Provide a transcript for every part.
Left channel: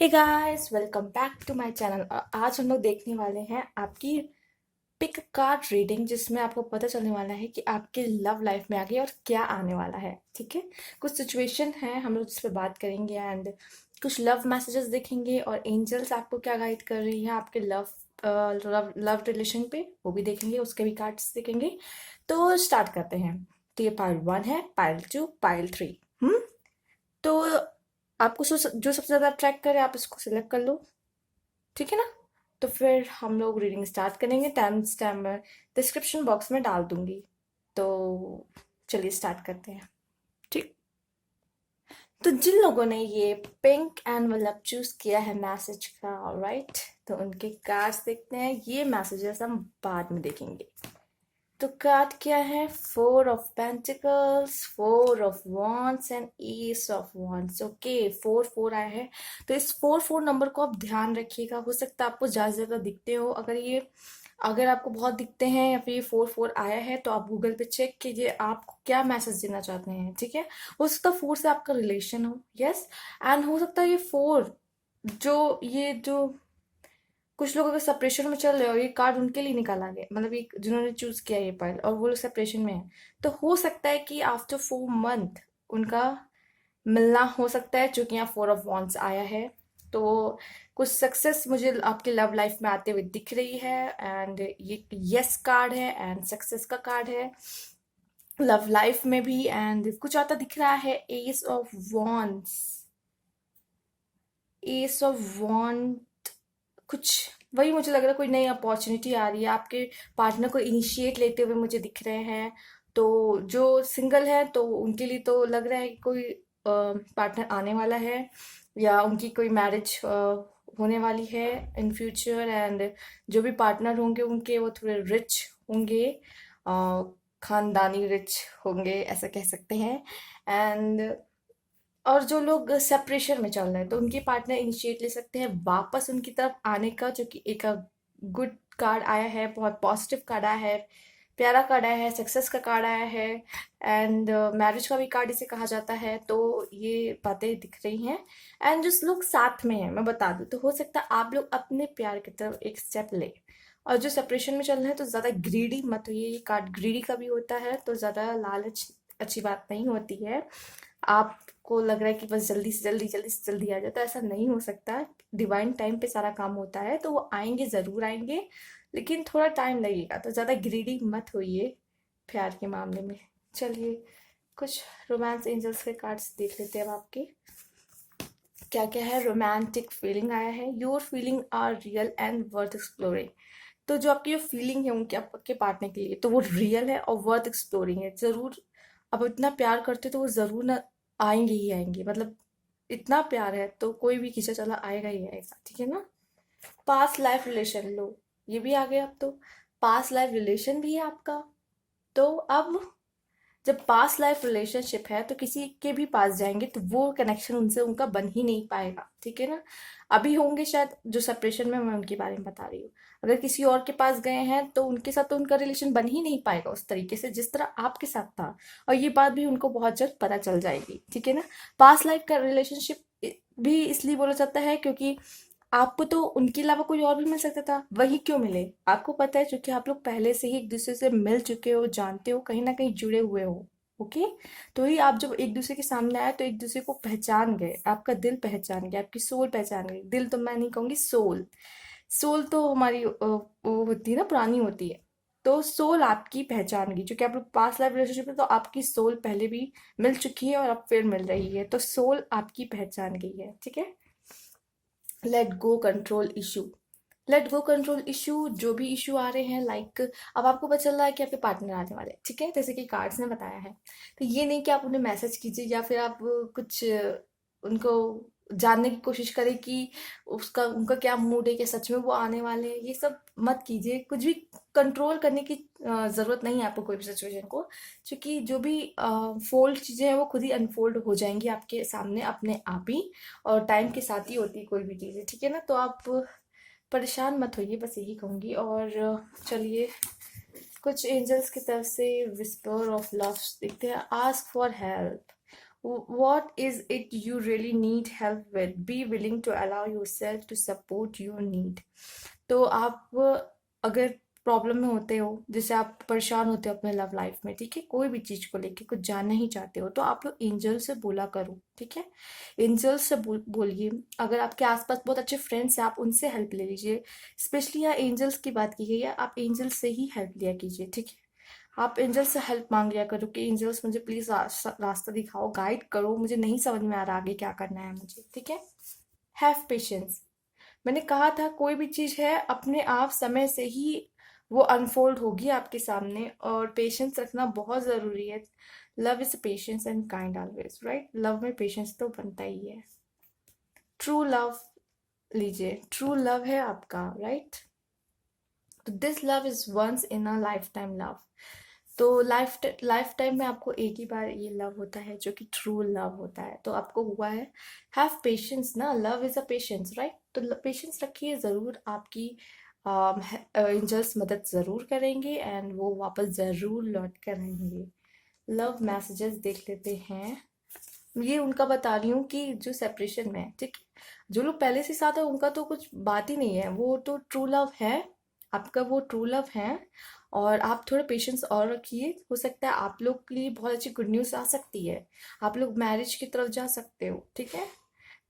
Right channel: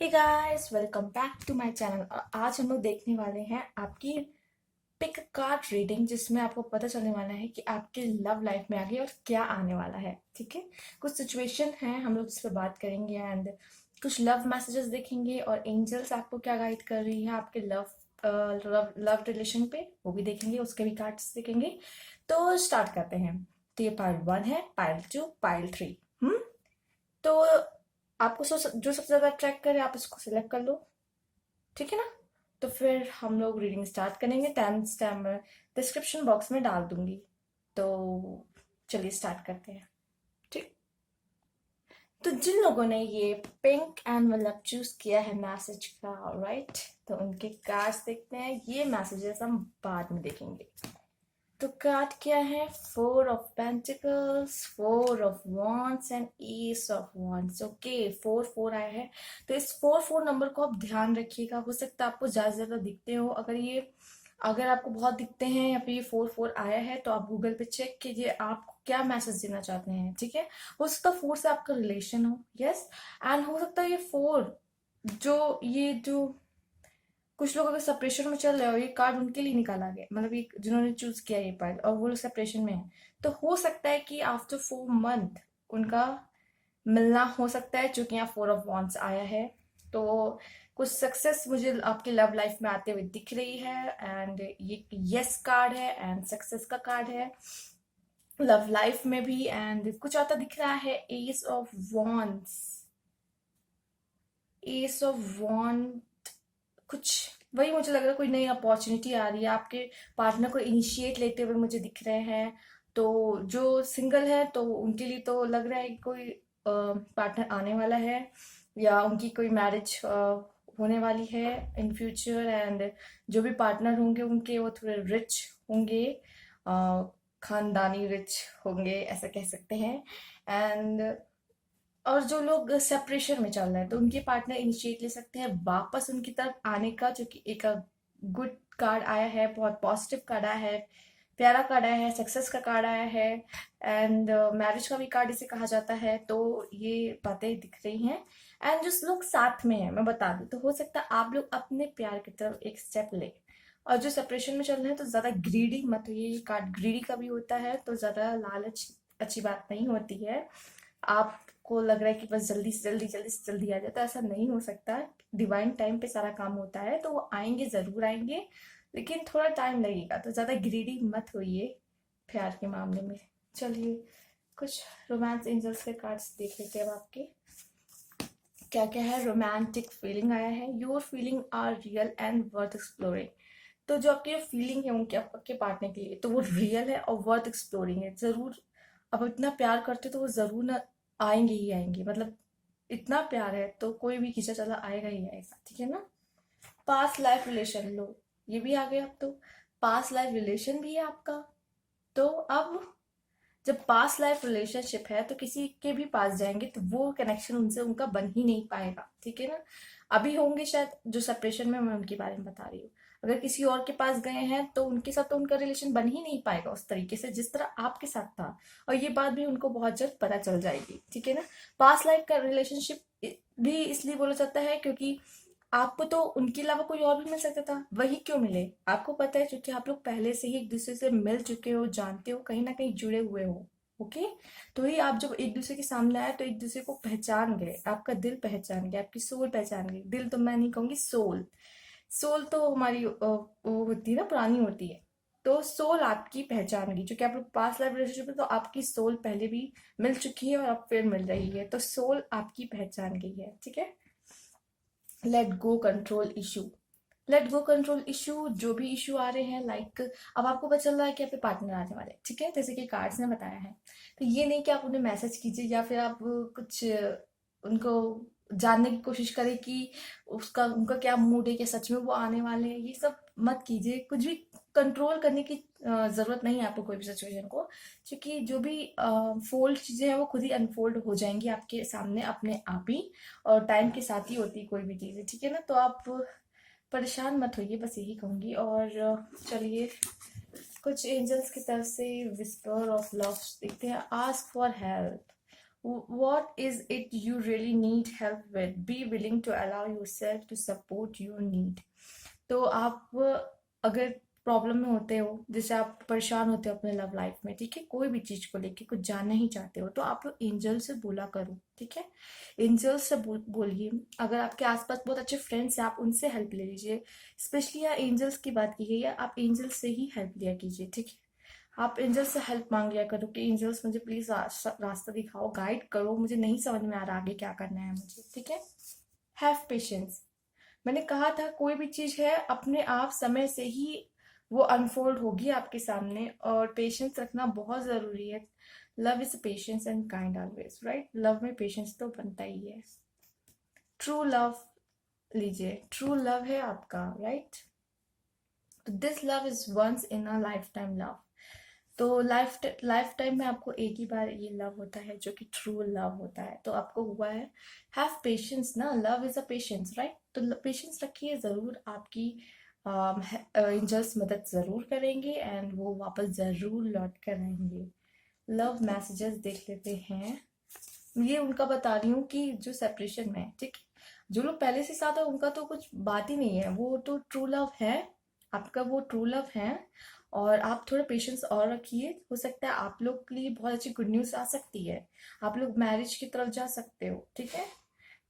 Hey guys, welcome back to my channel. आज हम लोग देखने वाले हैं आपकी पिक कार्ड रीडिंग, जिसमें आपको पता चलने वाला है कि आपके लव लाइफ में आगे और क्या आने वाला है। ठीक है, कुछ सिचुएशन है हम लोग जिस पे बात करेंगे एंड कुछ लव मैसेजेस देखेंगे और एंजल्स आपको क्या गाइड कर रही है आपके लव रिलेशन पे, वो भी देखेंगे, उसके भी कार्ड्स देखेंगे। तो स्टार्ट करते हैं। तो ये पाइल 1 है, पाइल 2, पाइल 3। तो आपको जो सबसे ज़्यादा अट्रैक्ट करे आप इसको सिलेक्ट कर लो। ठीक है ना? तो फिर हम लोग रीडिंग स्टार्ट करेंगे। टाइम स्टैम्प मैं डिस्क्रिप्शन बॉक्स में डाल दूंगी। तो चलिए स्टार्ट करते हैं। ठीक। तो जिन लोगों ने ये पिंक एंड मतलब चूज किया है मैसेज का, राइट, तो उनके कार्ड्स देखते हैं। ये मैसेजेस हम बाद में देखेंगे। तो कार्ड क्या है? 4 of pentacles, 4 of wands and S of wands. Okay, 4 4 आया है। तो इस 4 4 नंबर को आप ध्यान रखिएगा। हो सकता है आपको ज्यादा से ज्यादा दिखते हो। अगर आपको बहुत दिखते हैं या फिर ये 4 4 आया है, तो आप गूगल पे चेक कीजिए आपको क्या मैसेज देना चाहते हैं। ठीक है, हो सकता है 4 से आपका रिलेशन हो। यस, एंड हो सकता है ये 4 जो कुछ लोग अगर सेपरेशन में चल रहे हो, ये कार्ड उनके लिए निकाला गया, मतलब ये जिन्होंने चूज किया ये पाइल और वो लोग सेपरेशन में है, तो हो सकता है कि आफ्टर 4 मंथ उनका मिलना हो सकता है, क्योंकि यहाँ 4 ऑफ वॉन्ड्स आया है। तो कुछ सक्सेस मुझे आपके लव लाइफ में आते हुए दिख रही है एंड ये यस कार्ड है एंड सक्सेस का कार्ड है लव लाइफ में भी। एंड कुछ आता दिख रहा है एस ऑफ वॉन्ड, कुछ वही मुझे लग रहा है, कोई नई अपॉर्चुनिटी आ रही है, आपके पार्टनर को इनिशिएट लेते हुए मुझे दिख रहे हैं। तो जो सिंगल है तो उनके लिए तो लग रहा है कि कोई पार्टनर आने वाला है या उनकी कोई मैरिज होने वाली है इन फ्यूचर। एंड जो भी पार्टनर होंगे उनके वो थोड़े रिच होंगे, अ, खानदानी रिच होंगे, ऐसा कह सकते हैं। एंड और जो लोग सेपरेशन में चल रहे हैं तो उनके पार्टनर इनिशिएट ले सकते हैं वापस उनकी तरफ आने का, जो कि एक गुड कार्ड आया है, बहुत पॉजिटिव कार्ड आया है, प्यारा कार्ड आया है, सक्सेस का कार्ड आया है एंड मैरिज का भी कार्ड इसे कहा जाता है। तो ये बातें दिख रही हैं। एंड जो लोग साथ में हैं, मैं बता दूं, तो हो सकता है आप लोग अपने प्यार की तरफ एक स्टेप ले। और जो सेपरेशन में चल रहे हैं तो ज्यादा ग्रीडी मत होइए। ये कार्ड ग्रीडी का भी होता है, तो ज्यादा लालच अच्छी बात नहीं होती है। आपको लग रहा है कि बस जल्दी से जल्दी जल्दी से जल्दी आ जाए, तो ऐसा नहीं हो सकता। डिवाइन टाइम पे सारा काम होता है, तो वो आएंगे, जरूर आएंगे, लेकिन थोड़ा टाइम लगेगा। तो ज्यादा ग्रीडी मत होइए प्यार के मामले में। चलिए कुछ रोमांस एंजल्स के कार्ड्स देख लेते हैं अब आपके क्या क्या है। रोमांटिक फीलिंग आया है। Your feeling are real and worth exploring. तो जो आपकी जो फीलिंग है उनके आपके पार्टनर के लिए, तो वो रियल है और वर्थ एक्सप्लोरिंग है। जरूर अब इतना प्यार करते तो वो जरूर ना आएंगे ही आएंगे, मतलब इतना प्यार है तो कोई भी खींचा चला आएगा ही आएगा। ठीक है ना? पास्ट लाइफ रिलेशन लो, ये भी आ गया। अब तो पास्ट लाइफ रिलेशन भी है आपका। तो अब जब पास्ट लाइफ रिलेशनशिप है तो किसी के भी पास जाएंगे तो वो कनेक्शन उनसे उनका बन ही नहीं पाएगा। ठीक है ना? अभी होंगे शायद जो सेपरेशन में, मैं उनके बारे में बता रही हूँ। अगर किसी और के पास गए हैं तो उनके साथ तो उनका रिलेशन बन ही नहीं पाएगा उस तरीके से जिस तरह आपके साथ था। और ये बात भी उनको बहुत जल्द पता चल जाएगी। ठीक है ना? पास्ट लाइफ का रिलेशनशिप भी इसलिए बोला जाता है क्योंकि आपको तो उनके अलावा कोई और भी मिल सकता था, वही क्यों मिले आपको पता है, क्योंकि आप लोग पहले से ही एक दूसरे से मिल चुके हो, जानते हो, कहीं ना कहीं जुड़े हुए हो। ओके, तो ही आप जब एक दूसरे के सामने आए तो एक दूसरे को पहचान गए, आपका दिल पहचान गया, आपकी सोल पहचान गई। दिल तो मैं नहीं कहूंगी, सोल। सोल तो हमारी वो होती है ना, पुरानी होती है। तो सोल आपकी पहचान गई, क्योंकि आप लोग पास्ट लाइफ रिलेशनशिप में, तो आपकी सोल पहले भी मिल चुकी है और अब फिर मिल रही है, तो सोल आपकी पहचान गई है। ठीक है? Let go control issue. Let go control issue, जो भी इशू आ रहे हैं, लाइक अब आपको पता चल रहा है कि आपके पार्टनर आने वाले हैं। ठीक है, जैसे कि कार्ड्स ने बताया है। तो ये नहीं कि आप उन्हें मैसेज कीजिए या फिर आप कुछ उनको जानने की कोशिश करें कि उसका उनका क्या मूड है, कि सच में वो आने वाले हैं। ये सब मत कीजिए, कुछ भी कंट्रोल करने की जरूरत नहीं है आपको कोई भी सिचुएशन को, क्योंकि जो भी फोल्ड चीजें हैं वो खुद ही अनफोल्ड हो जाएंगी आपके सामने अपने आप ही। और टाइम के साथ ही होती है कोई भी चीजें। ठीक है ना? तो आप परेशान मत होइए, बस यही कहूंगी। और चलिए कुछ एंजल्स की तरफ से विस्पर ऑफ लव देखते हैं। Ask for help. what is it you really need help with, be willing to allow yourself to support your need। तो आप अगर प्रॉब्लम में होते हो, जैसे आप परेशान होते हो अपने लव लाइफ में, ठीक है, कोई भी चीज को लेके कुछ जानना ही चाहते हो, तो आप लोग एंजल से बोला करो, ठीक है। एंजल से बोलिए। अगर आपके आसपास बहुत अच्छे फ्रेंड्स हैं, आप उनसे हेल्प ले लीजिए। स्पेशली यहाँ एंजल्स की बात की गई है, आप एंजल से ही हेल्प लिया कीजिए, ठीक है। आप एंजल से हेल्प मांग लिया करो कि एंजल्स मुझे प्लीज रास्ता दिखाओ, गाइड करो, मुझे नहीं समझ में आ रहा आगे क्या करना है मुझे, ठीक है। Have patience. मैंने कहा था कोई भी चीज है अपने आप समय से ही वो अनफोल्ड होगी आपके सामने, और पेशेंस रखना बहुत जरूरी है। Love is patience and kind always, right. Love में पेशेंस तो बनता ही है। ट्रू लव लीजिए, ट्रू लव है आपका, राइट। तो this love is once in a life time love. तो लाइफ टाइम में आपको एक ही बार ये लव होता है जो कि ट्रू लव होता है, तो आपको हुआ है। हैव पेशेंस ना, love is a patience, right. तो पेशेंस रखिए, जरूर आपकी एंजल्स मदद जरूर करेंगे एंड वो वापस जरूर लौट कर आएंगे। लव मैसेजेस देख लेते हैं। ये उनका बता रही हूँ कि जो सेपरेशन में है, ठीक है, जो लोग पहले से साथ है उनका तो कुछ बात ही नहीं है, वो तो ट्रू लव है, आपका वो ट्रू लव है। और आप थोड़ा पेशेंस और रखिए, हो सकता है आप लोग के लिए बहुत अच्छी गुड न्यूज़ आ सकती है, आप लोग मैरिज की तरफ जा सकते हो, ठीक है।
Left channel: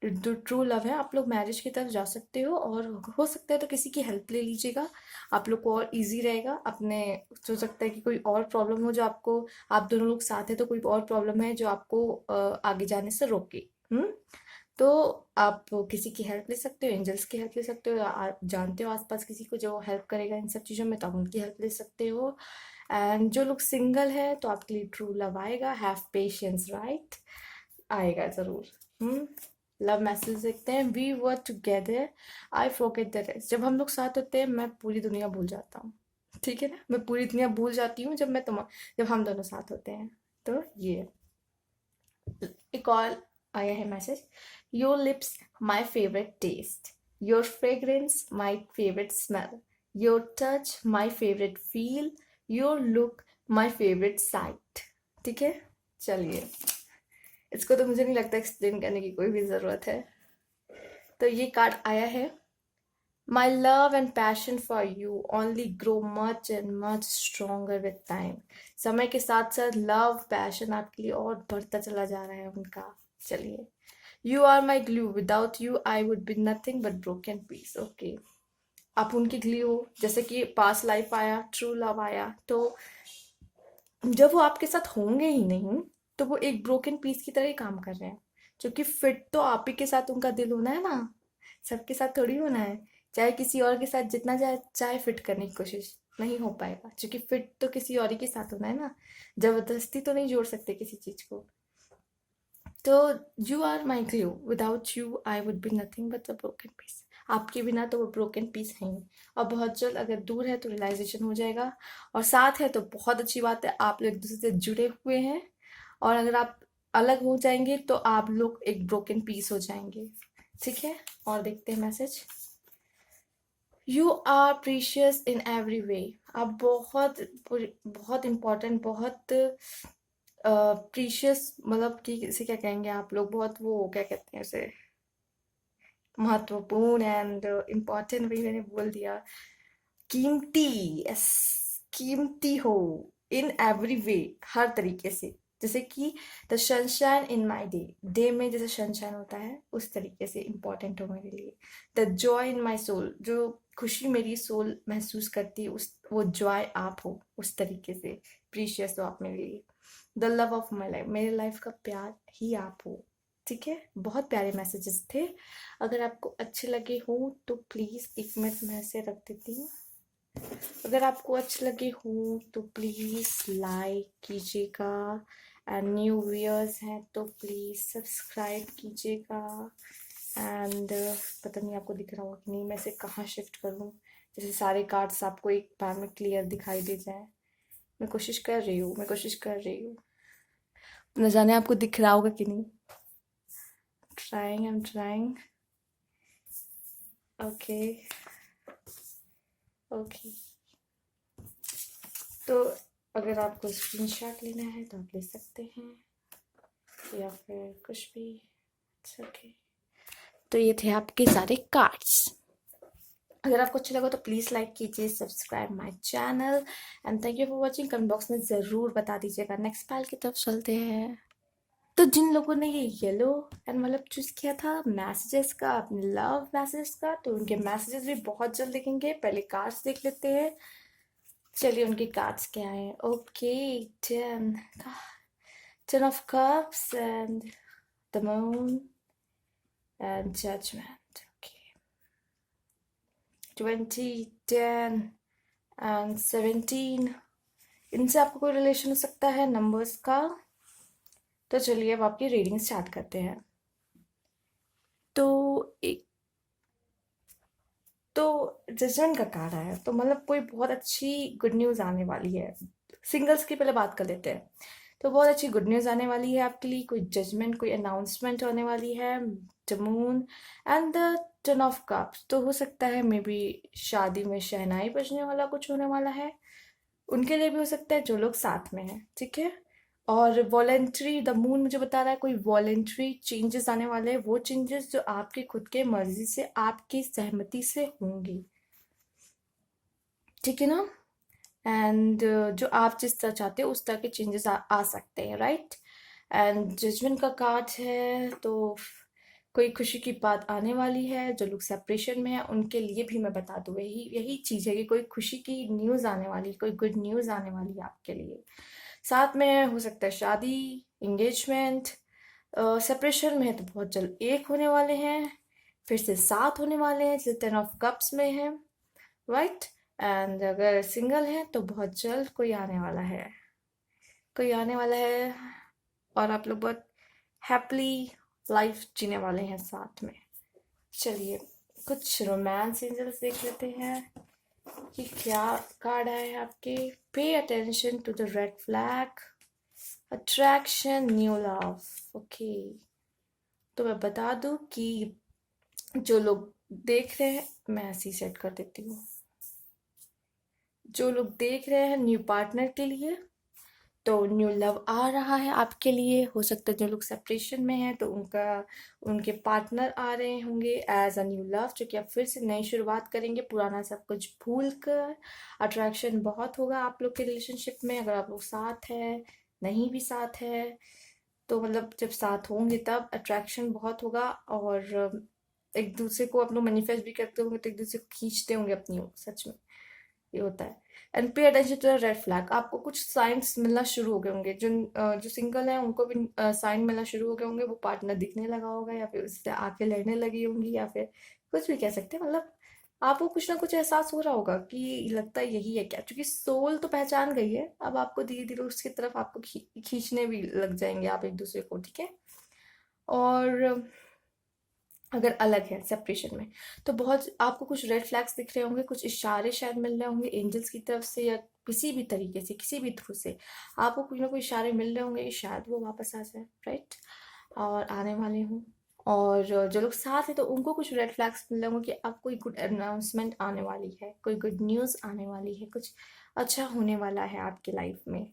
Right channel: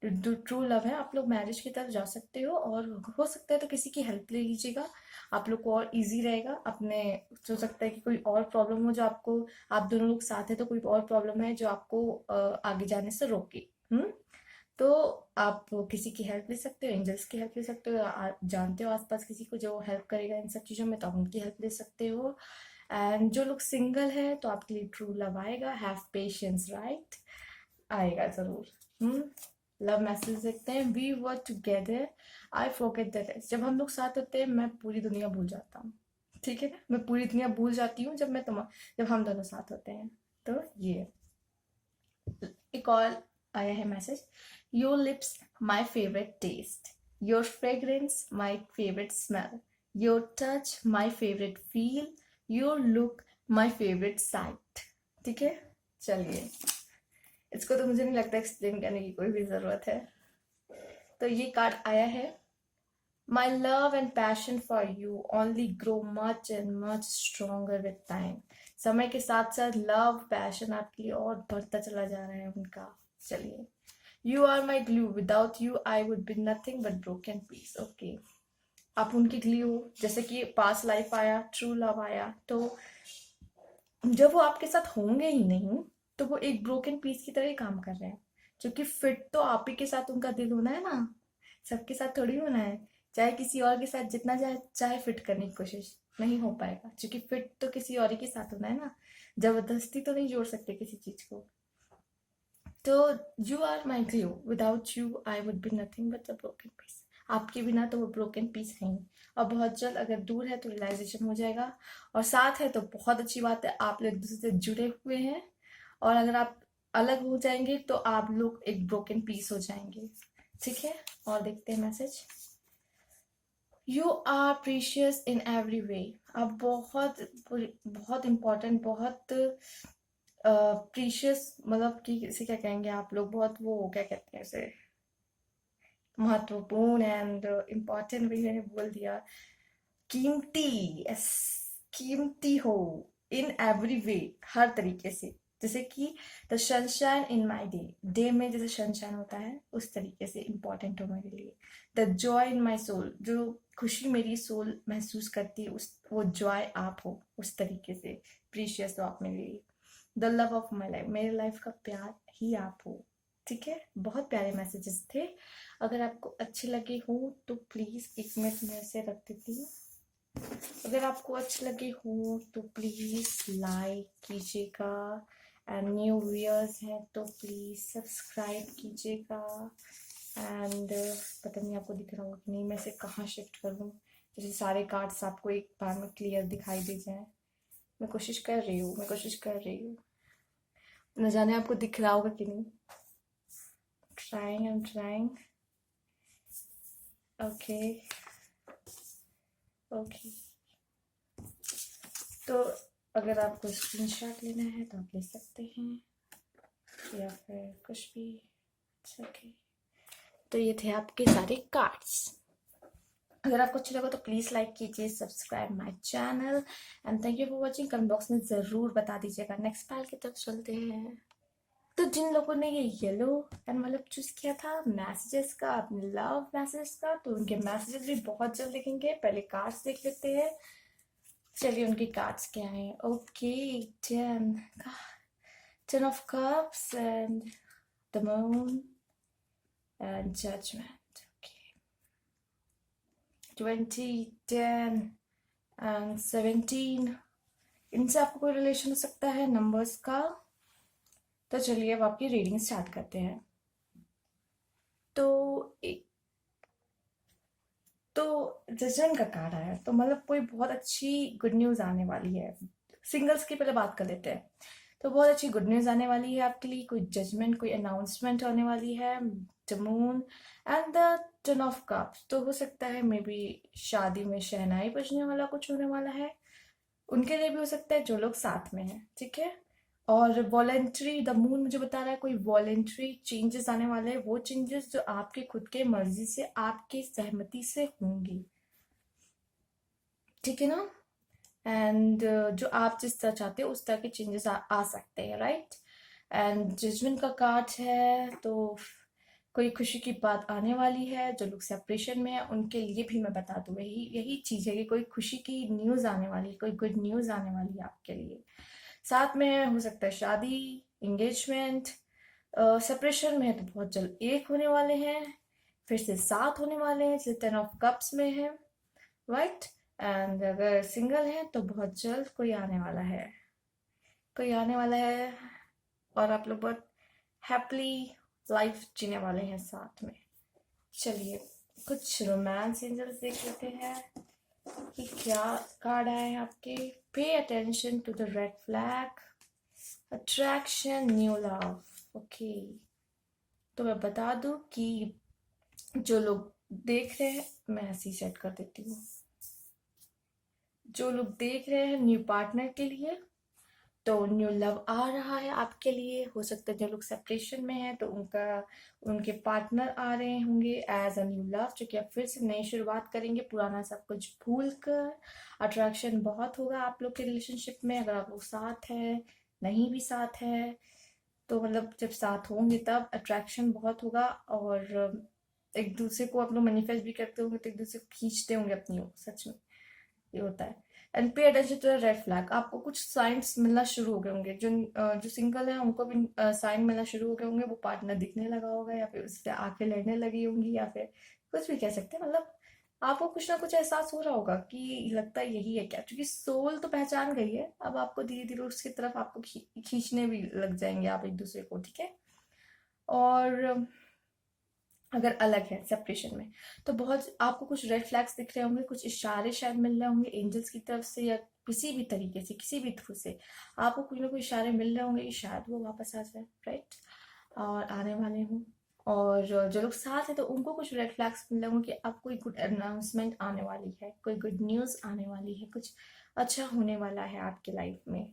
जो ट्रू लव है, आप लोग मैरिज की तरफ जा सकते हो, और हो सकता है तो किसी की हेल्प ले लीजिएगा, आप लोग को और इजी रहेगा अपने। हो सकता है कि कोई और प्रॉब्लम हो जो आपको, आप दोनों लोग साथ हैं तो कोई और प्रॉब्लम है जो आपको आगे जाने से रोके। तो आप किसी की हेल्प ले सकते हो, एंजल्स की हेल्प ले सकते हो, या आप जानते हो आसपास किसी को जो हेल्प करेगा इन सब चीज़ों में, तो आप उनकी हेल्प ले सकते हो। एंड जो लोग सिंगल है तो आपके लिए ट्रू लव आएगा। हैव पेशेंस, राइट, आएगा जरूर। लव मैसेज देखते हैं। We were together, I forget the rest. जब हम लोग साथ होते हैं मैं पूरी दुनिया भूल जाता हूँ, ठीक है ना, मैं पूरी दुनिया भूल जाती हूँ जब हम दोनों साथ होते हैं। तो ये एक और आया है message. Your lips my favourite taste, your fragrance my favourite smell, your touch my favourite feel, your look my favourite sight. ठीक है, चलिए, इसको तो मुझे नहीं लगता एक्सप्लेन करने की कोई भी जरूरत है। तो ये कार्ड आया है। My love and passion for you only grow much and much stronger with time। समय के साथ साथ लव पैशन आपके लिए और बढ़ता चला जा रहा है उनका। चलिए, You are my glue, without you I would be nothing but broken piece। Okay, आप उनकी ग्लू हो, जैसे कि पास लाइफ आया, ट्रू लव आया, तो जब वो आपके साथ होंगे ही नहीं तो वो एक ब्रोकन पीस की तरह ही काम कर रहे हैं, क्योंकि फिट तो आप ही के साथ उनका दिल होना है ना, सबके साथ थोड़ी होना है। चाहे किसी और के साथ जितना चाहे फिट करने की कोशिश, नहीं हो पाएगा, क्योंकि फिट तो किसी और ही के साथ होना है ना, जबरदस्ती तो नहीं जोड़ सकते किसी चीज को। तो you are my glue, without you I would be nothing but a broken piece. आपके बिना तो वो ब्रोकन पीस है ही। और बहुत जल्द, अगर दूर है तो रियलाइजेशन हो जाएगा, और साथ है तो बहुत अच्छी बात है, आप लोग एक दूसरे से जुड़े हुए हैं। और अगर आप अलग हो जाएंगे तो आप लोग एक ब्रोकन पीस हो जाएंगे, ठीक है। और देखते हैं message. You are precious in every way. आप बहुत बहुत इम्पोर्टेंट, बहुत प्रीशियस, मतलब कि इसे क्या कहेंगे आप लोग, बहुत वो क्या कहते हैं उसे, महत्वपूर्ण एंड इम्पोर्टेंट, भी मैंने बोल दिया, कीमती, यस, कीमती हो इन एवरी वे, हर तरीके से। जैसे कि the sunshine in my day, day में जैसे सनशाइन होता है उस तरीके से इम्पोर्टेंट हो मेरे लिए। The joy in my soul, जो खुशी मेरी सोल महसूस करती है, उस वो जॉय आप हो, उस तरीके से प्रीशियस हो आप मेरे लिए। The love of my life, मेरे लाइफ का प्यार ही आप हो, ठीक है। बहुत प्यारे मैसेजेस थे। अगर आपको अच्छे लगे हो तो प्लीज़ एक मिनट में ऐसे रख देती हूँ। अगर आपको अच्छे लगे हो तो प्लीज़ लाइक कीजिएगा, एंड न्यू व्यूअर्स हैं तो प्लीज़ सब्सक्राइब कीजिएगा। एंड पता नहीं आपको दिख रहा होगा कि नहीं, मैं इसे कहाँ शिफ्ट करूँ, जैसे सारे कार्ड्स आपको एक बार में क्लियर दिखाई दे जाए। मैं कोशिश कर रही हूँ, न जाने आपको दिख रहा होगा कि नहीं। I'm trying। Okay, okay. तो अगर आपको स्क्रीनशॉट लेना है तो आप ले सकते हैं। या फिर कुछ भी। ओके, तो ये थे आपके सारे कार्ड्स। अगर आपको अच्छा लगा तो प्लीज़ लाइक कीजिए, subscribe my channel and thank you for watching. Comment box में ज़रूर बता दीजिएगा। नेक्स्ट पाल की तरफ चलते हैं। तो जिन लोगों ने ये येलो एनवलप चूज किया था मैसेजेस का, अपने लव मैसेजेस का, तो उनके मैसेजेस भी बहुत जल्द दिखेंगे। पहले कार्ड्स देख लेते हैं। चलिए उनके कार्ड्स क्या है। Okay, ten ten of cups and the moon and judgement. Okay, 20, 10 and 17। इनसे आपको कोई रिलेशन हो सकता है नंबर्स का। तो चलिए अब आपकी रीडिंग स्टार्ट करते हैं। तो एक तो जजमेंट का कार्ड आया, तो मतलब कोई बहुत अच्छी गुड न्यूज़ आने वाली है। सिंगल्स की पहले बात कर लेते हैं। तो बहुत अच्छी गुड न्यूज़ आने वाली है आपके लिए। कोई जजमेंट, कोई अनाउंसमेंट होने वाली है। The moon and the ten of cups, तो हो सकता है मे बी शादी में शहनाई बजने वाला कुछ होने वाला है। उनके लिए भी हो सकता है जो लोग साथ में हैं, ठीक है। और वॉलेंट्री, द मून मुझे बता रहा है कोई वॉलेंट्री चेंजेस आने वाले हैं। वो चेंजेस जो आपके खुद के मर्जी से, आपकी सहमति से होंगी, ठीक है ना। एंड जो आप जिस तरह चाहते हो उस तरह के चेंजेस आ सकते हैं, राइट। एंड जजमेंट का कार्ड है, तो कोई खुशी की बात आने वाली है। जो लोग सेपरेशन में है उनके लिए भी मैं बता दूँ, यही यही चीज़ है कि कोई खुशी की न्यूज़ आने वाली, कोई गुड न्यूज़ आने वाली है आपके लिए। साथ में हो सकता है शादी, एंगेजमेंट। सेपरेशन में है तो बहुत जल्द एक होने वाले हैं, फिर से साथ होने वाले हैं जैसे टेन ऑफ कप्स में है, राइट। एंड अगर सिंगल है तो बहुत जल्द कोई आने वाला है, कोई आने वाला है। और आप लोग बहुत हैप्पली लाइफ जीने वाले हैं साथ में। चलिए कुछ रोमांस एंजल्स देख लेते हैं कि क्या कार्ड आए हैं आपके। Pay attention to the red flag, attraction, new love. Okay, तो मैं बता दूं कि जो लोग देख रहे हैं, मैं ऐसे ही सेट कर देती हूँ। जो लोग देख रहे हैं न्यू पार्टनर के लिए, तो न्यू लव आ रहा है आपके लिए। हो सकता है जो लोग सेपरेशन में हैं तो उनके पार्टनर आ रहे होंगे एज अ न्यू लव, जो कि आप फिर से नई शुरुआत करेंगे, पुराना सब कुछ भूल कर। अट्रैक्शन बहुत होगा आप लोग के रिलेशनशिप में। अगर आप लोग साथ हैं, नहीं भी साथ है, तो मतलब जब साथ होंगे तब अट्रैक्शन बहुत होगा। और एक दूसरे को आप लोग मैनिफेस्ट भी करते होंगे, तो एक दूसरे को खींचते होंगे अपनी ओर, सच में ये होता है। And pay attention to the red flag, आपको कुछ साइंस मिलना शुरू हो गए होंगे। जो सिंगल है उनको भी साइन मिलना शुरू हो गए होंगे। वो पार्टनर दिखने लगा होगा, या फिर उससे आंखें लड़ने लगी होंगी, या फिर कुछ भी कह सकते हैं। मतलब आपको कुछ ना कुछ एहसास हो रहा होगा कि लगता है यही है क्या, क्योंकि सोल तो पहचान गई है। अब आपको धीरे धीरे उसकी तरफ आपको खींचने भी लग जाएंगे आप एक दूसरे को, ठीक है। और अगर अलग है सेपरेशन में, तो बहुत आपको कुछ रेड फ्लैग्स दिख रहे होंगे, कुछ इशारे शायद मिल रहे होंगे एंजल्स की तरफ से, या किसी भी तरीके से, किसी भी थ्रू से आपको कुछ ना कुछ इशारे मिल रहे होंगे कि शायद वो वापस आ जाए, राइट, और आने वाले हों। और जो लोग साथ हैं तो उनको कुछ रेड फ्लैग्स मिल रहे होंगे कि अब कोई गुड अनाउंसमेंट आने वाली है, कोई गुड न्यूज़ आने वाली है, कुछ अच्छा होने वाला है आपकी लाइफ में।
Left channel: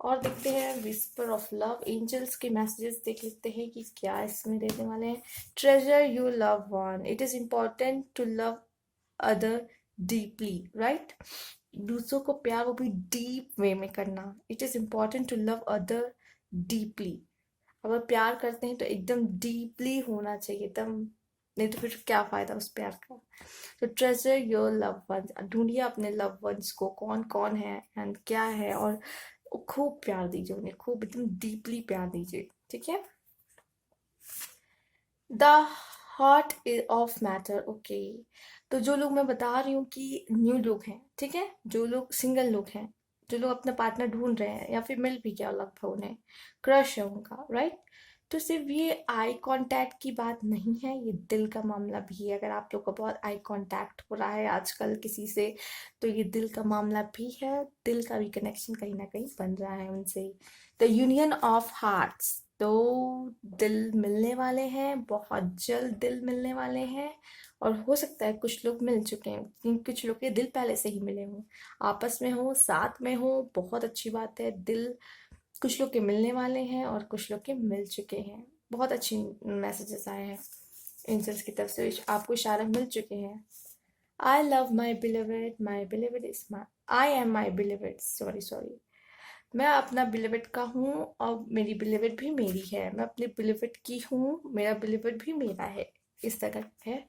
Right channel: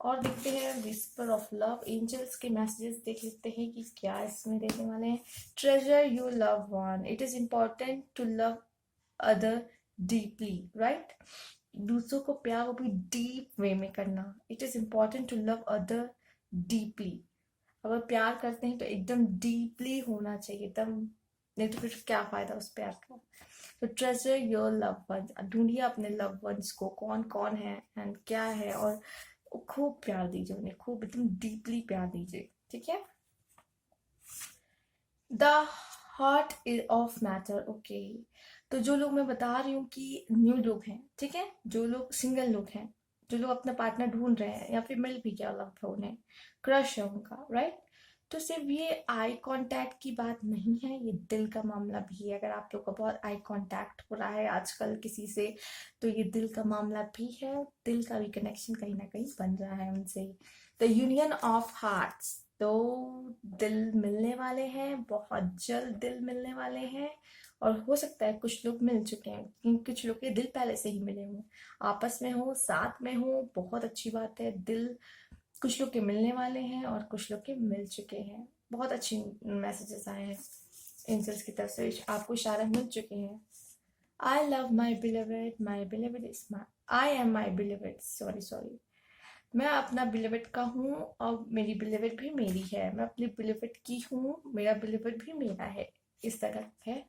और देखते हैं विस्पर ऑफ लव, एंजल्स के मैसेजेस देख लेते हैं कि क्या इसमें देने वाले हैं। Treasure you love one, it is important to love other deeply, right. दूसरों को प्यार वो भी डीप वे में करना। It is important to love other deeply. अगर प्यार करते हैं तो एकदम डीपली होना चाहिए, एकदम, नहीं तो फिर क्या फायदा उस प्यार का। तो ट्रेजर योर लव वंस, ढूंढिए अपने लव वंस को, कौन कौन है एंड क्या है, और खूब प्यार दीजिए उन्हें, खूब एकदम डीपली प्यार दीजिए, ठीक है। The heart is of matter, okay. तो जो लोग मैं बता रही हूँ कि न्यू लोग हैं, ठीक है, जो लोग सिंगल लोग हैं, जो लोग अपना पार्टनर ढूंढ रहे हैं या फिर मिल भी गया लगभग, उन्हें क्रश है उनका, राइट। तो सिर्फ ये आई कांटेक्ट की बात नहीं है, ये दिल का मामला भी है। अगर आप लोग का बहुत आई कांटेक्ट हो रहा है आजकल किसी से, तो ये दिल का मामला भी है। दिल का भी कनेक्शन कहीं ना कहीं बन रहा है उनसे। द यूनियन ऑफ हार्ट्स, तो दिल मिलने वाले हैं, बहुत जल्द दिल मिलने वाले हैं। और हो सकता है कुछ लोग मिल चुके हैं, क्योंकि कुछ लोग के दिल पहले से ही मिले हों, आपस में हो, साथ में हो, बहुत अच्छी बात है। दिल कुछ लोग के मिलने वाले हैं और कुछ लोग के मिल चुके हैं। बहुत अच्छी मैसेजेस आए हैं एंजल्स की तरफ से, आपको इशारा मिल चुके हैं। I love my beloved is my, I am my beloved, sorry, मैं अपना बिलीवेड का हूँ और मेरी बिलीवेड भी मेरी है। मैं अपने बिलीवेड की हूँ, मेरा बिलीवेड भी मेरा है। इस तरह है।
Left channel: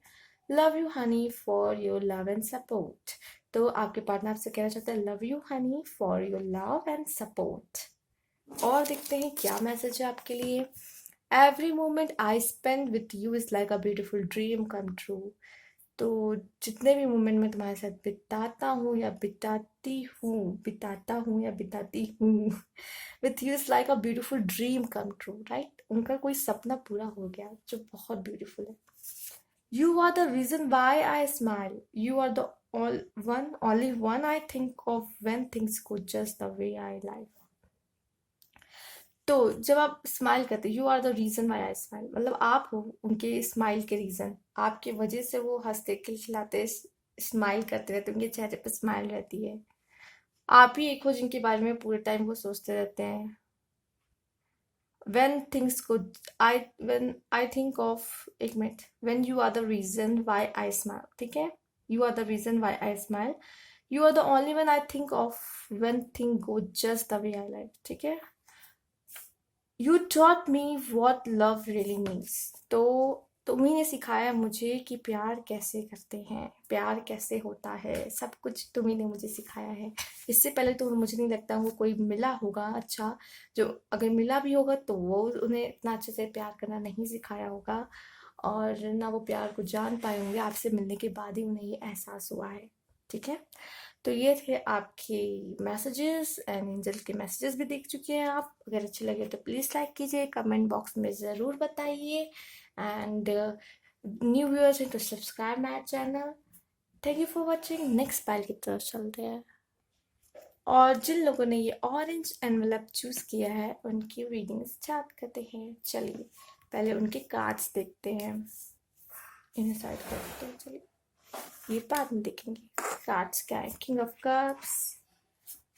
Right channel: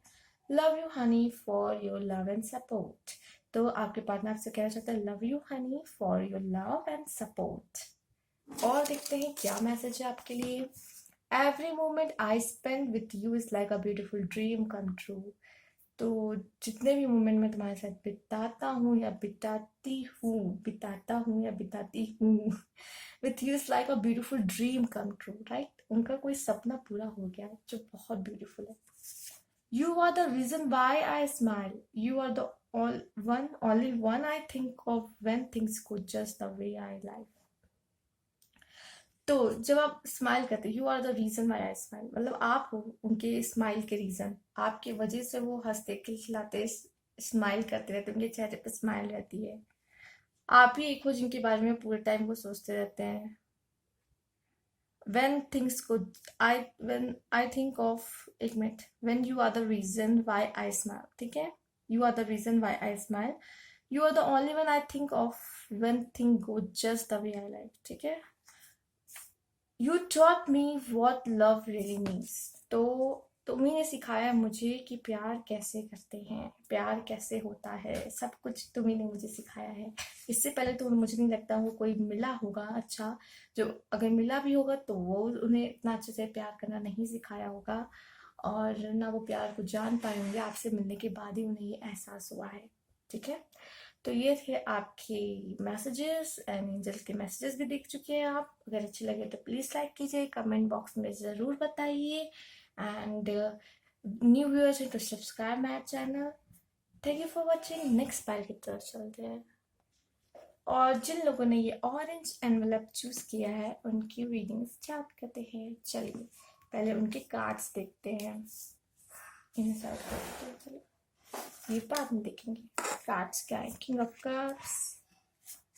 Love you Honey for your love and support. तो आपके पार्टनर आपसे कहना चाहते हैं love you Honey for your love and support. और देखते हैं क्या मैसेज है आपके लिए। Every moment I spend with you is like a beautiful dream come true. तो जितने भी मोमेंट मैं तुम्हारे साथ बिताता हूँ या बिताती हूँ with you is like a beautiful dream come true, right. उनका कोई सपना पूरा हो गया जो बहुत ब्यूटीफुल है। You are the reason why I smile, you are the only one I think of when things go just the way I like। तो जब आप स्माइल करते, you are the reason why I smile, मतलब आप हो उनके smile के reason. आपके वजह से वो हंसते खिलखिलाते स्माइल करते रहते, उनके चेहरे पर स्माइल रहती है। आप ही एक हो जिनके बारे में पूरे टाइम वो सोचते रहते हैं। when things go when I think of, एक minute, when you are the reason why I smile, ठीक है। you are the reason why I smile, you are the only one I think of when things go just the way I like, ठीक है। You taught me what love really means. तो तुम्ही ने सिखाया मुझे कि प्यार कैसे करते हैं, प्यार कैसे होता है, सब कुछ तुम्ही ने मुझे सिखाया है। इससे पहले तो मुझे नहीं लगता वो कोई मिला होगा अच्छा, जो अगर मिला भी होगा तो वो उन्हें इतना अच्छे से प्यार करना नहीं सिखाया होगा, और ना वो प्यार को जान पाए होंगे। आपसे मिलने के बाद ही उन्हें ये एहसास हुआ है, ठीक है। तो ये थे आपके मैसेजेस एंड एंजल के मैसेजेस भी देख चुके हैं आप। अगर अच्छे लगे तो प्लीज़ लाइक कीजिए, कमेंट बॉक्स में ज़रूर बताइए, एंड न्यू व्यूअर्स हैं तो subscribe my channel. Thank you for watching. Next file की तरफ चलते हैं, और जिन लोगों ने ये ऑरेंज एनवेलप चूज़ किया है उनकी रीडिंग स्टार्ट करते हैं। चलिए पहले उनके कार्ड्स देखते हैं, इन्हें साइड करते हैं। चलिए ये बाद में देखेंगे कार्ड्स क्या है। King of cups,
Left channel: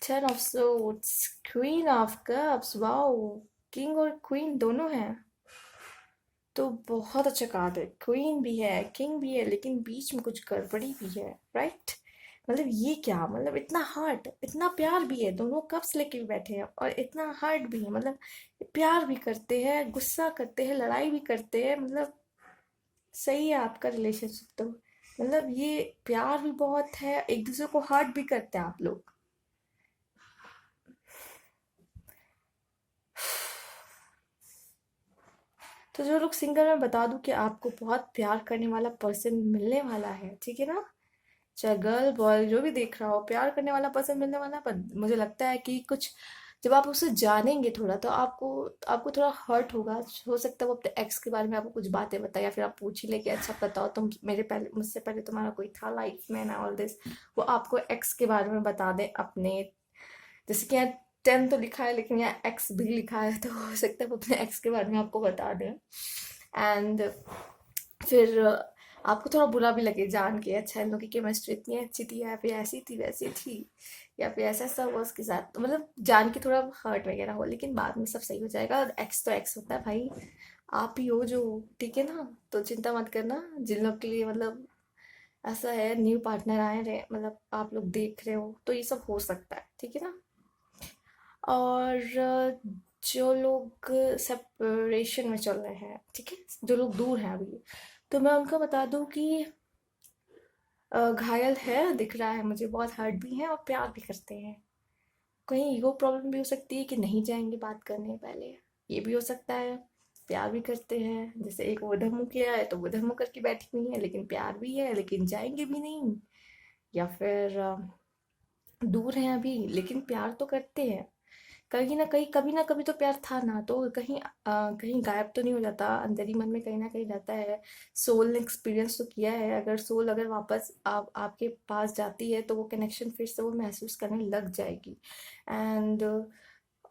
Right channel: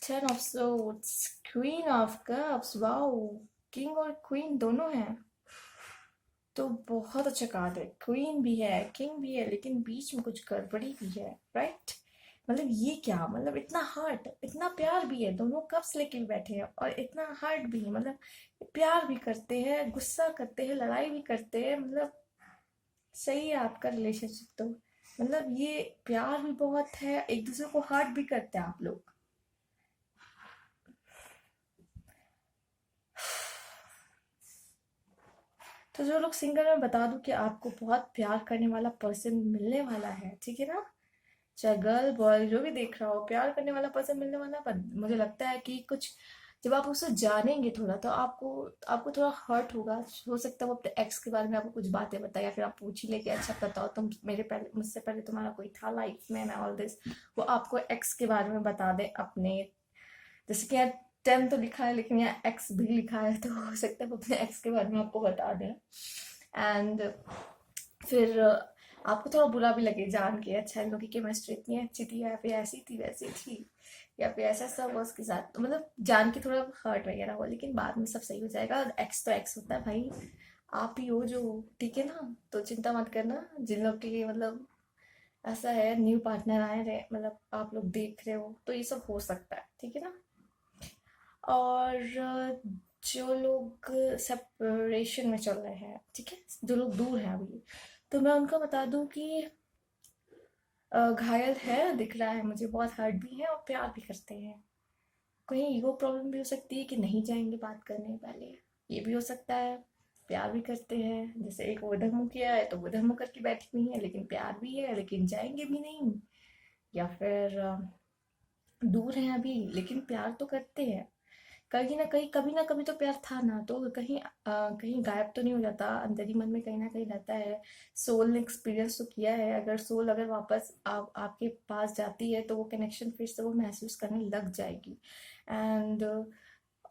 10 of swords, queen of cups. Wow, king और क्वीन दोनों हैं, तो बहुत अच्छा कार्ड है। क्वीन भी है, किंग भी है, लेकिन बीच में कुछ गड़बड़ी भी है, राइट। मतलब ये क्या, मतलब इतना हर्ट, इतना प्यार भी है, दोनों कप्स लेके भी बैठे हैं और इतना हर्ट भी है। मतलब प्यार भी करते हैं, गुस्सा करते हैं, लड़ाई भी करते हैं, मतलब सही है आपका रिलेशनशिप। तो मतलब ये प्यार भी बहुत है, एक दूसरे को हर्ट भी करते हैं आप लोग। तो जो लोग सिंगल हैं, बता दूं कि आपको बहुत प्यार करने वाला पर्सन मिलने वाला है, ठीक है ना। चाहे गर्ल बॉय जो भी देख रहा हो, प्यार करने वाला पर्सन मिलने वाला है। पर मुझे लगता है कि कुछ जब आप उसे जानेंगे थोड़ा, तो आपको आपको थोड़ा हर्ट होगा। हो सकता है वो अपने एक्स के बारे में आपको कुछ बातें बताए, या फिर आप पूछ ही ले कि अच्छा बताओ तुम, मेरे पहले मुझसे पहले तुम्हारा कोई था लाइफ में ना, ऑल दिस। वो आपको एक्स के बारे में बता दे अपने, जैसे कि यहाँ 10 तो लिखा है लेकिन यहाँ एक्स भी लिखा है, तो हो सकता है वो अपने एक्स के बारे में आपको बता दें। एंड फिर आपको थोड़ा बुरा भी लगे जान के, अच्छा इन लोगों की केमिस्ट्री इतनी अच्छी थी, या फिर ऐसी थी वैसी थी, या फिर ऐसा ऐसा हुआ उसके साथ, तो मतलब जान के थोड़ा हर्ट वगैरह हो। लेकिन बाद में सब सही हो जाएगा। एक्स तो एक्स होता है भाई, आप ही हो जो, ठीक है ना। तो चिंता मत करना। जिन लोग के लिए मतलब ऐसा है, न्यू पार्टनर आए रहे, मतलब आप लोग देख रहे हो, तो ये सब हो सकता है, ठीक है ना। और जो लोग सेपरेशन में चल रहे हैं, ठीक है, जो लोग दूर हैं अभी, तो मैं उनको बता दूं कि घायल है, दिख रहा है मुझे, बहुत हर्ट भी है और प्यार भी करते हैं। कहीं ईगो प्रॉब्लम भी हो सकती है कि नहीं जाएंगे बात करने पहले, ये भी हो सकता है। प्यार भी करते हैं, जैसे एक वो धमू किया है तो वो धमू करके बैठी हुई है, लेकिन प्यार भी है, लेकिन जाएंगे भी नहीं। या फिर दूर हैं अभी लेकिन प्यार तो करते हैं। कहीं ना कहीं, कभी ना कभी तो प्यार था ना, तो कहीं कहीं गायब तो नहीं हो जाता, अंदर ही मन में कहीं ना कहीं रहता है। सोल ने एक्सपीरियंस तो किया है, अगर सोल अगर वापस आपके पास जाती है तो वो कनेक्शन फिर से वो महसूस करने लग जाएगी। एंड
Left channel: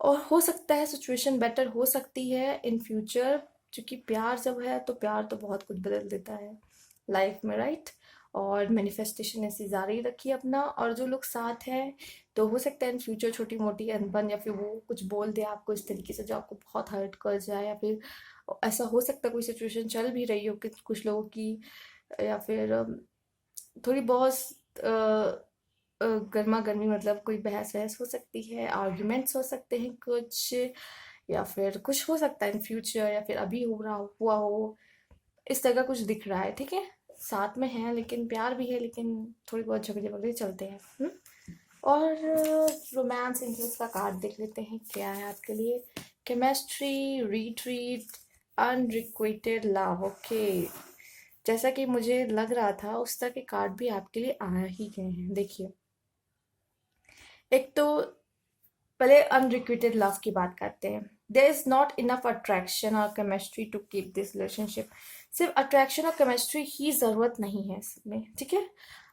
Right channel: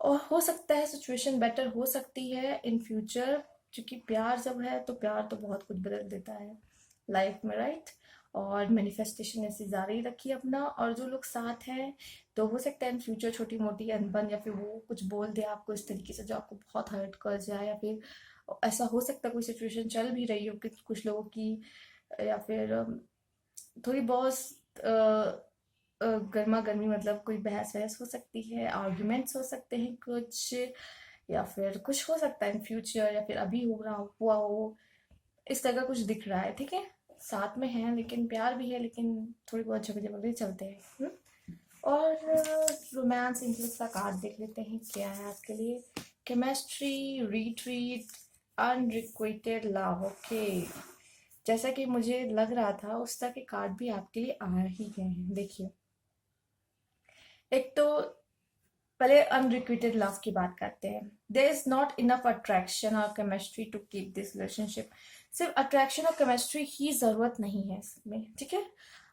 और हो सकता है सिचुएशन बेटर हो सकती है इन फ्यूचर, क्योंकि प्यार जब है तो प्यार तो बहुत कुछ बदल देता है लाइफ में, राइट। और मैनिफेस्टेशन ऐसी जारी रखिए अपना। और जो लोग साथ हैं, तो हो सकता है इन फ्यूचर छोटी मोटी अनबन या फिर वो कुछ बोल दे आपको इस तरीके से जो आपको बहुत हर्ट कर जाए, या फिर ऐसा हो सकता है कोई सिचुएशन चल भी रही हो कि कुछ लोगों की, या फिर थोड़ी बहुत गर्मा गर्मी, मतलब कोई बहस वहस हो सकती है, आर्ग्यूमेंट्स हो सकते हैं कुछ, या फिर कुछ हो सकता है इन फ्यूचर, या फिर अभी हो रहा हुआ हो, इस तरह का कुछ दिख रहा है। ठीक है, साथ में है लेकिन प्यार भी है, लेकिन थोड़ी बहुत झगड़े वगड़े चलते हैं। और रोमांस इंग्लिश का कार्ड देख लेते हैं क्या है आपके लिए। Chemistry, retreat, unrequited love. Okay, जैसा कि मुझे लग रहा था उस तरह के कार्ड भी आपके लिए आ ही गए हैं। देखिए, एक तो पहले अनरिक्विटेड लव की बात करते हैं। There is not enough attraction और chemistry to keep this relationship. सिर्फ अट्रैक्शन और केमिस्ट्री ही जरूरत नहीं है इसमें, ठीक है।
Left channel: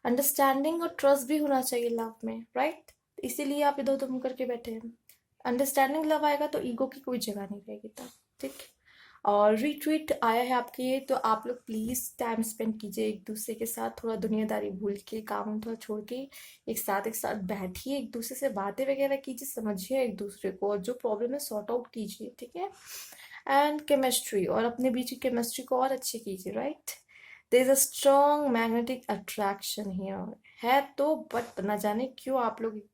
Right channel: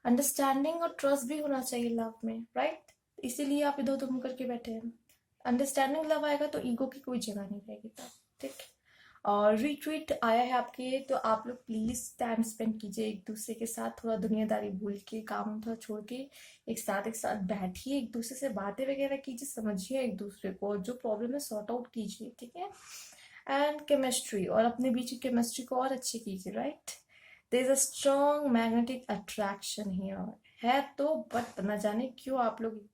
अंडरस्टैंडिंग और ट्रस्ट भी होना चाहिए लव में, राइट। इसीलिए आप इधर उधर मुंह करके बैठे हैं। अंडरस्टैंडिंग लव आएगा तो ईगो की कोई जगह नहीं रहेगी तब, ठीक। और रिट्रीट आया है आपके, तो आप लोग प्लीज टाइम स्पेंड कीजिए एक दूसरे के साथ, थोड़ा दुनियादारी भूल के, काम थोड़ा छोड़ के एक साथ बैठिए, एक दूसरे से बातें वगैरह कीजिए, समझिए एक दूसरे को, और जो प्रॉब्लम है सॉर्ट आउट कीजिए, ठीक है। एंड केमिस्ट्री, और अपने बीच की केमिस्ट्री को और अच्छी कीजिए, right. There is a strong magnetic attraction here, है तो, बट न जाने क्यों आप लोग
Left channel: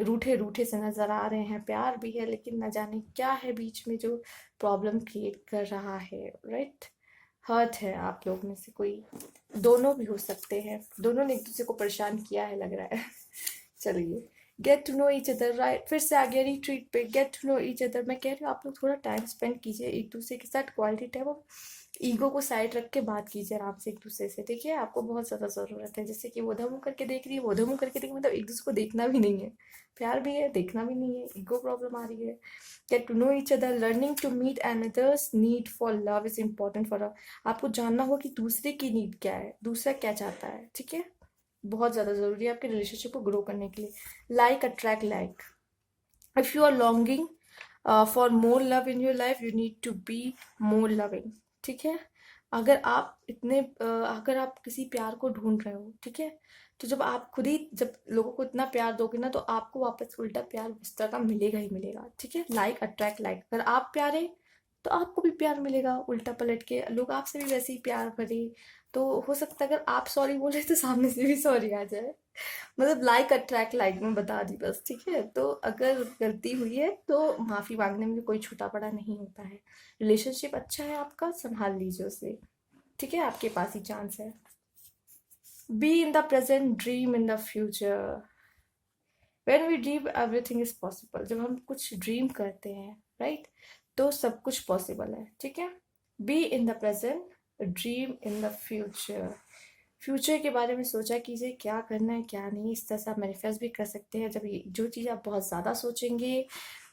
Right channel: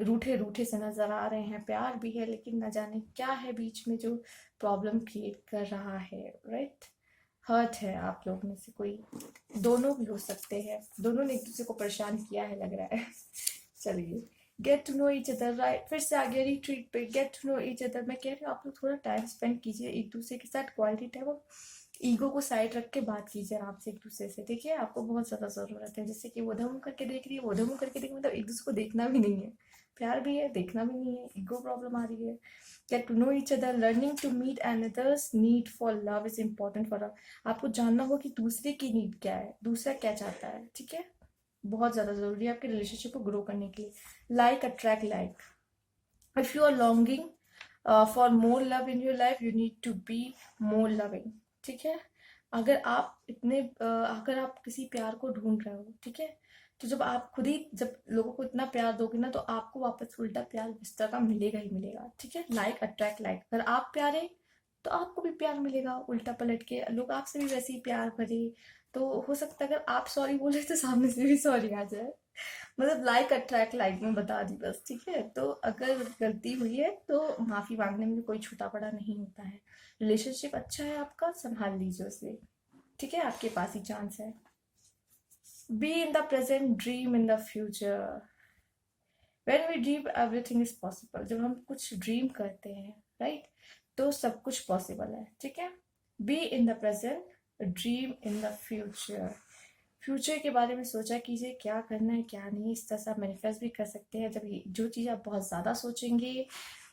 रूठे रूठे से नजर आ रहे हैं। प्यार भी है लेकिन न जाने क्या है बीच में जो प्रॉब्लम क्रिएट कर रहा है, राइट। हर्ट है आप लोग में से कोई, दोनों भी हो सकते हैं, दोनों ने एक दूसरे को परेशान किया है लग रहा है। चलिए, get to know each other, right. फिर से आगे रिट्रीट पे, get to know each other. मैं कह रही हूँ आप लोग थोड़ा टाइम स्पेंड कीजिए एक दूसरे के साथ, क्वालिटी टाइम। ईगो को साइड रख के बात कीजिए आराम से एक दूसरे से, ठीक है। आपको बहुत ज़्यादा ज़रूरत है, जैसे कि वो उधर मुँह करके देख रही है, वो उधर मुँह करके देख, मतलब एक दूसरे को देखना भी नहीं है। प्यार भी है, देखना भी नहीं है, ईगो प्रॉब्लम आ रही है। Get to know each other, learning to meet another's need for love is important for. आपको जानना होगा कि दूसरे की नीड क्या है, दूसरा क्या चाहता है, ठीक है। बहुत ज़्यादा ज़रूरी है आपके रिलेशनशिप को ग्रो करने के लिए। Like attract like. If you are longing for more love in your life, you need to be more loving, ठीक है। अगर आप किसी प्यार को ढूंढ रहे हो, ठीक है, तो जब आप खुद ही जब लोगों को इतना प्यार दोगे ना, तो आपको वापस उल्टा प्यार उस तरह का मिलेगा ही मिलेगा, ठीक है। Like attract like. अगर आप प्यारे तो आपको भी प्यार मिलेगा, उल्टा पलट के लोग आपसे भी वैसे ही प्यार करे। तो हो सकता है अगर आप सॉरी बोले तो सामने से भी सॉरी आ जाए। मतलब लाइक अट्रैक्ट लाइक में बता दी बस, ठीक है। तो अगर गलती हुई है तो माफी मांगने में भी कोई छोटा बड़ा नहीं होता है। रिलेशनशिप अच्छा है आपका, संभाल लीजिए उसे, ठीक है। आपके पास ही चांस है। Be in the present, dream in the future. When we dream everything is possible. जब हम कुछ ड्रीम करते हैं, राइट, तो सब कुछ पॉसिबल है, ठीक है। Be in the present, dream in the future. Future के बारे में सोचा कीजिए, क्या करना है क्या नहीं। इस तरह से आप मैनिफेस्ट भी कर सकते हैं। जब जो चीज़ आप बहुत ज़्यादा सोचेंगे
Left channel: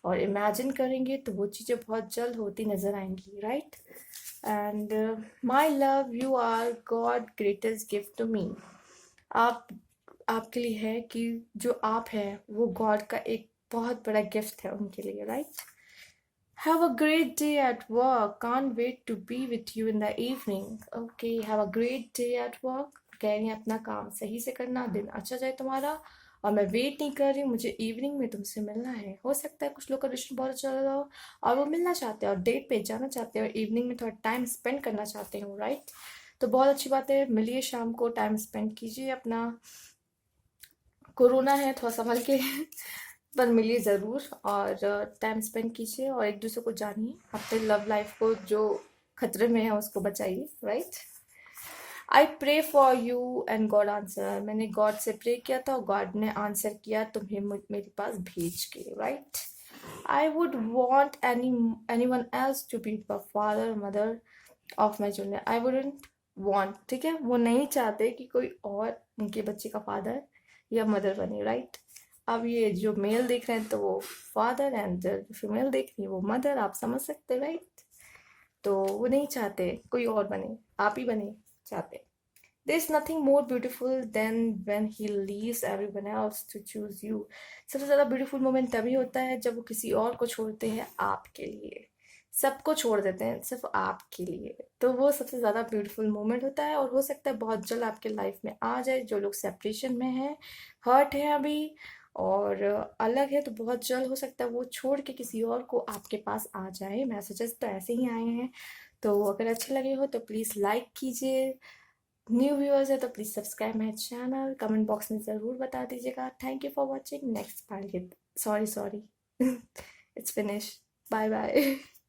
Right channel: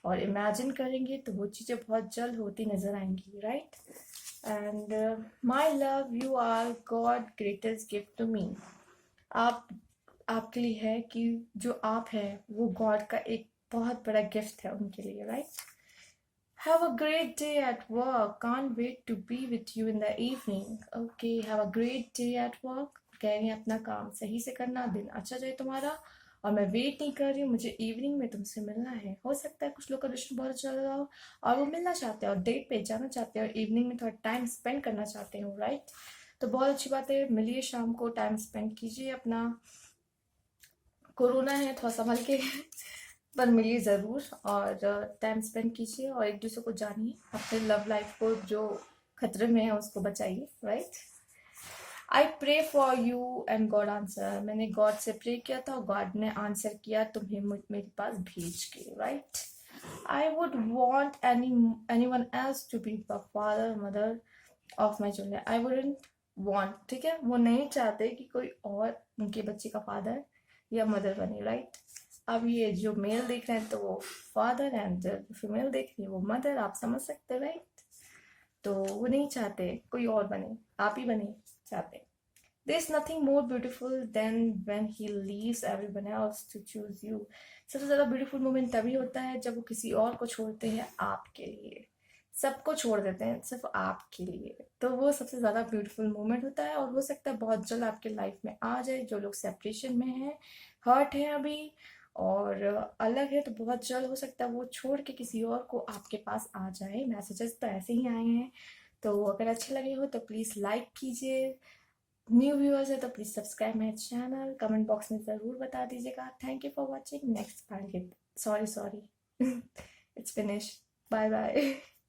और इमेजिन करेंगे, तो वो चीज़ें बहुत जल्द होती नजर आएंगी, right. And my love, you are God greatest gift to me. आप आपके लिए है कि जो आप है वो गॉड का एक बहुत बड़ा गिफ्ट है उनके लिए, right. Have a great day at work. Can't wait to be with you in the evening. Okay, have a great day at work. कह रही हैं अपना काम सही से करना, दिन अच्छा जाए तुम्हारा। और मैं वेट नहीं कर रही हूँ, मुझे इवनिंग में तुमसे मिलना है। हो सकता है कुछ लोग का रिश्ता बहुत अच्छा लगा हो और वो मिलना चाहते हैं और डेट पे जाना चाहते हैं और इवनिंग में थोड़ा टाइम स्पेंड करना चाहते हो, राइट। तो बहुत अच्छी बात है, मिलिए शाम को, टाइम स्पेंड कीजिए अपना। कोरोना है, थोड़ा संभल के पर मिलिए ज़रूर, और टाइम स्पेंड कीजिए और एक दूसरे को जानिए। अपने लव लाइफ को जो खतरे में है उसको बचाइए, right. I pray for you and God answer. मैंने गॉड से प्रे किया था और गॉड ने आंसर किया तुम्हें मेरे पास भेज के, right. I would want anyone else to be the father mother of my children. I wouldn't want, ठीक है, वो नहीं चाहते कि कोई और उनके बच्चे का फादर या मदर बने, राइट। अब ये जो मेल देख रहे हैं तो वो फादर, एंड जो फीमेल देख रही है वो मदर, आप समझ सकते हैं, राइट। तो वो नहीं चाहते कोई और बने, आप ही बने चाहते। There is nothing more beautiful than when he leaves everyone else to choose you. सबसे ज़्यादा ब्यूटीफुल मोमेंट तभी होता है जब वो किसी और को छोड़ते हैं आपके लिए। सबको छोड़ देते हैं सिर्फ आपके लिए। तो वो सबसे ज़्यादा ब्यूटीफुल मोमेंट होता है, और हो सकता है बहुत जल्द आपके लाइफ में आ जाए। जो लोग सेपरेशन में हैं, हर्ट है अभी और अलग है, तो बहुत जल्द हो सकता है वो छोड़ के किसी और को आपके पास आ जाए। मैसेजेस तो ऐसे ही आए हैं। तो अगर अच्छे लगे हो तो प्लीज़ लाइक कीजिए, न्यू व्यूअर्स है तो please subscribe my channel, comment box में ज़रूर बता दीजिएगा। Thank you for watching. Next part, sorry sorry, it's finish. Bye bye.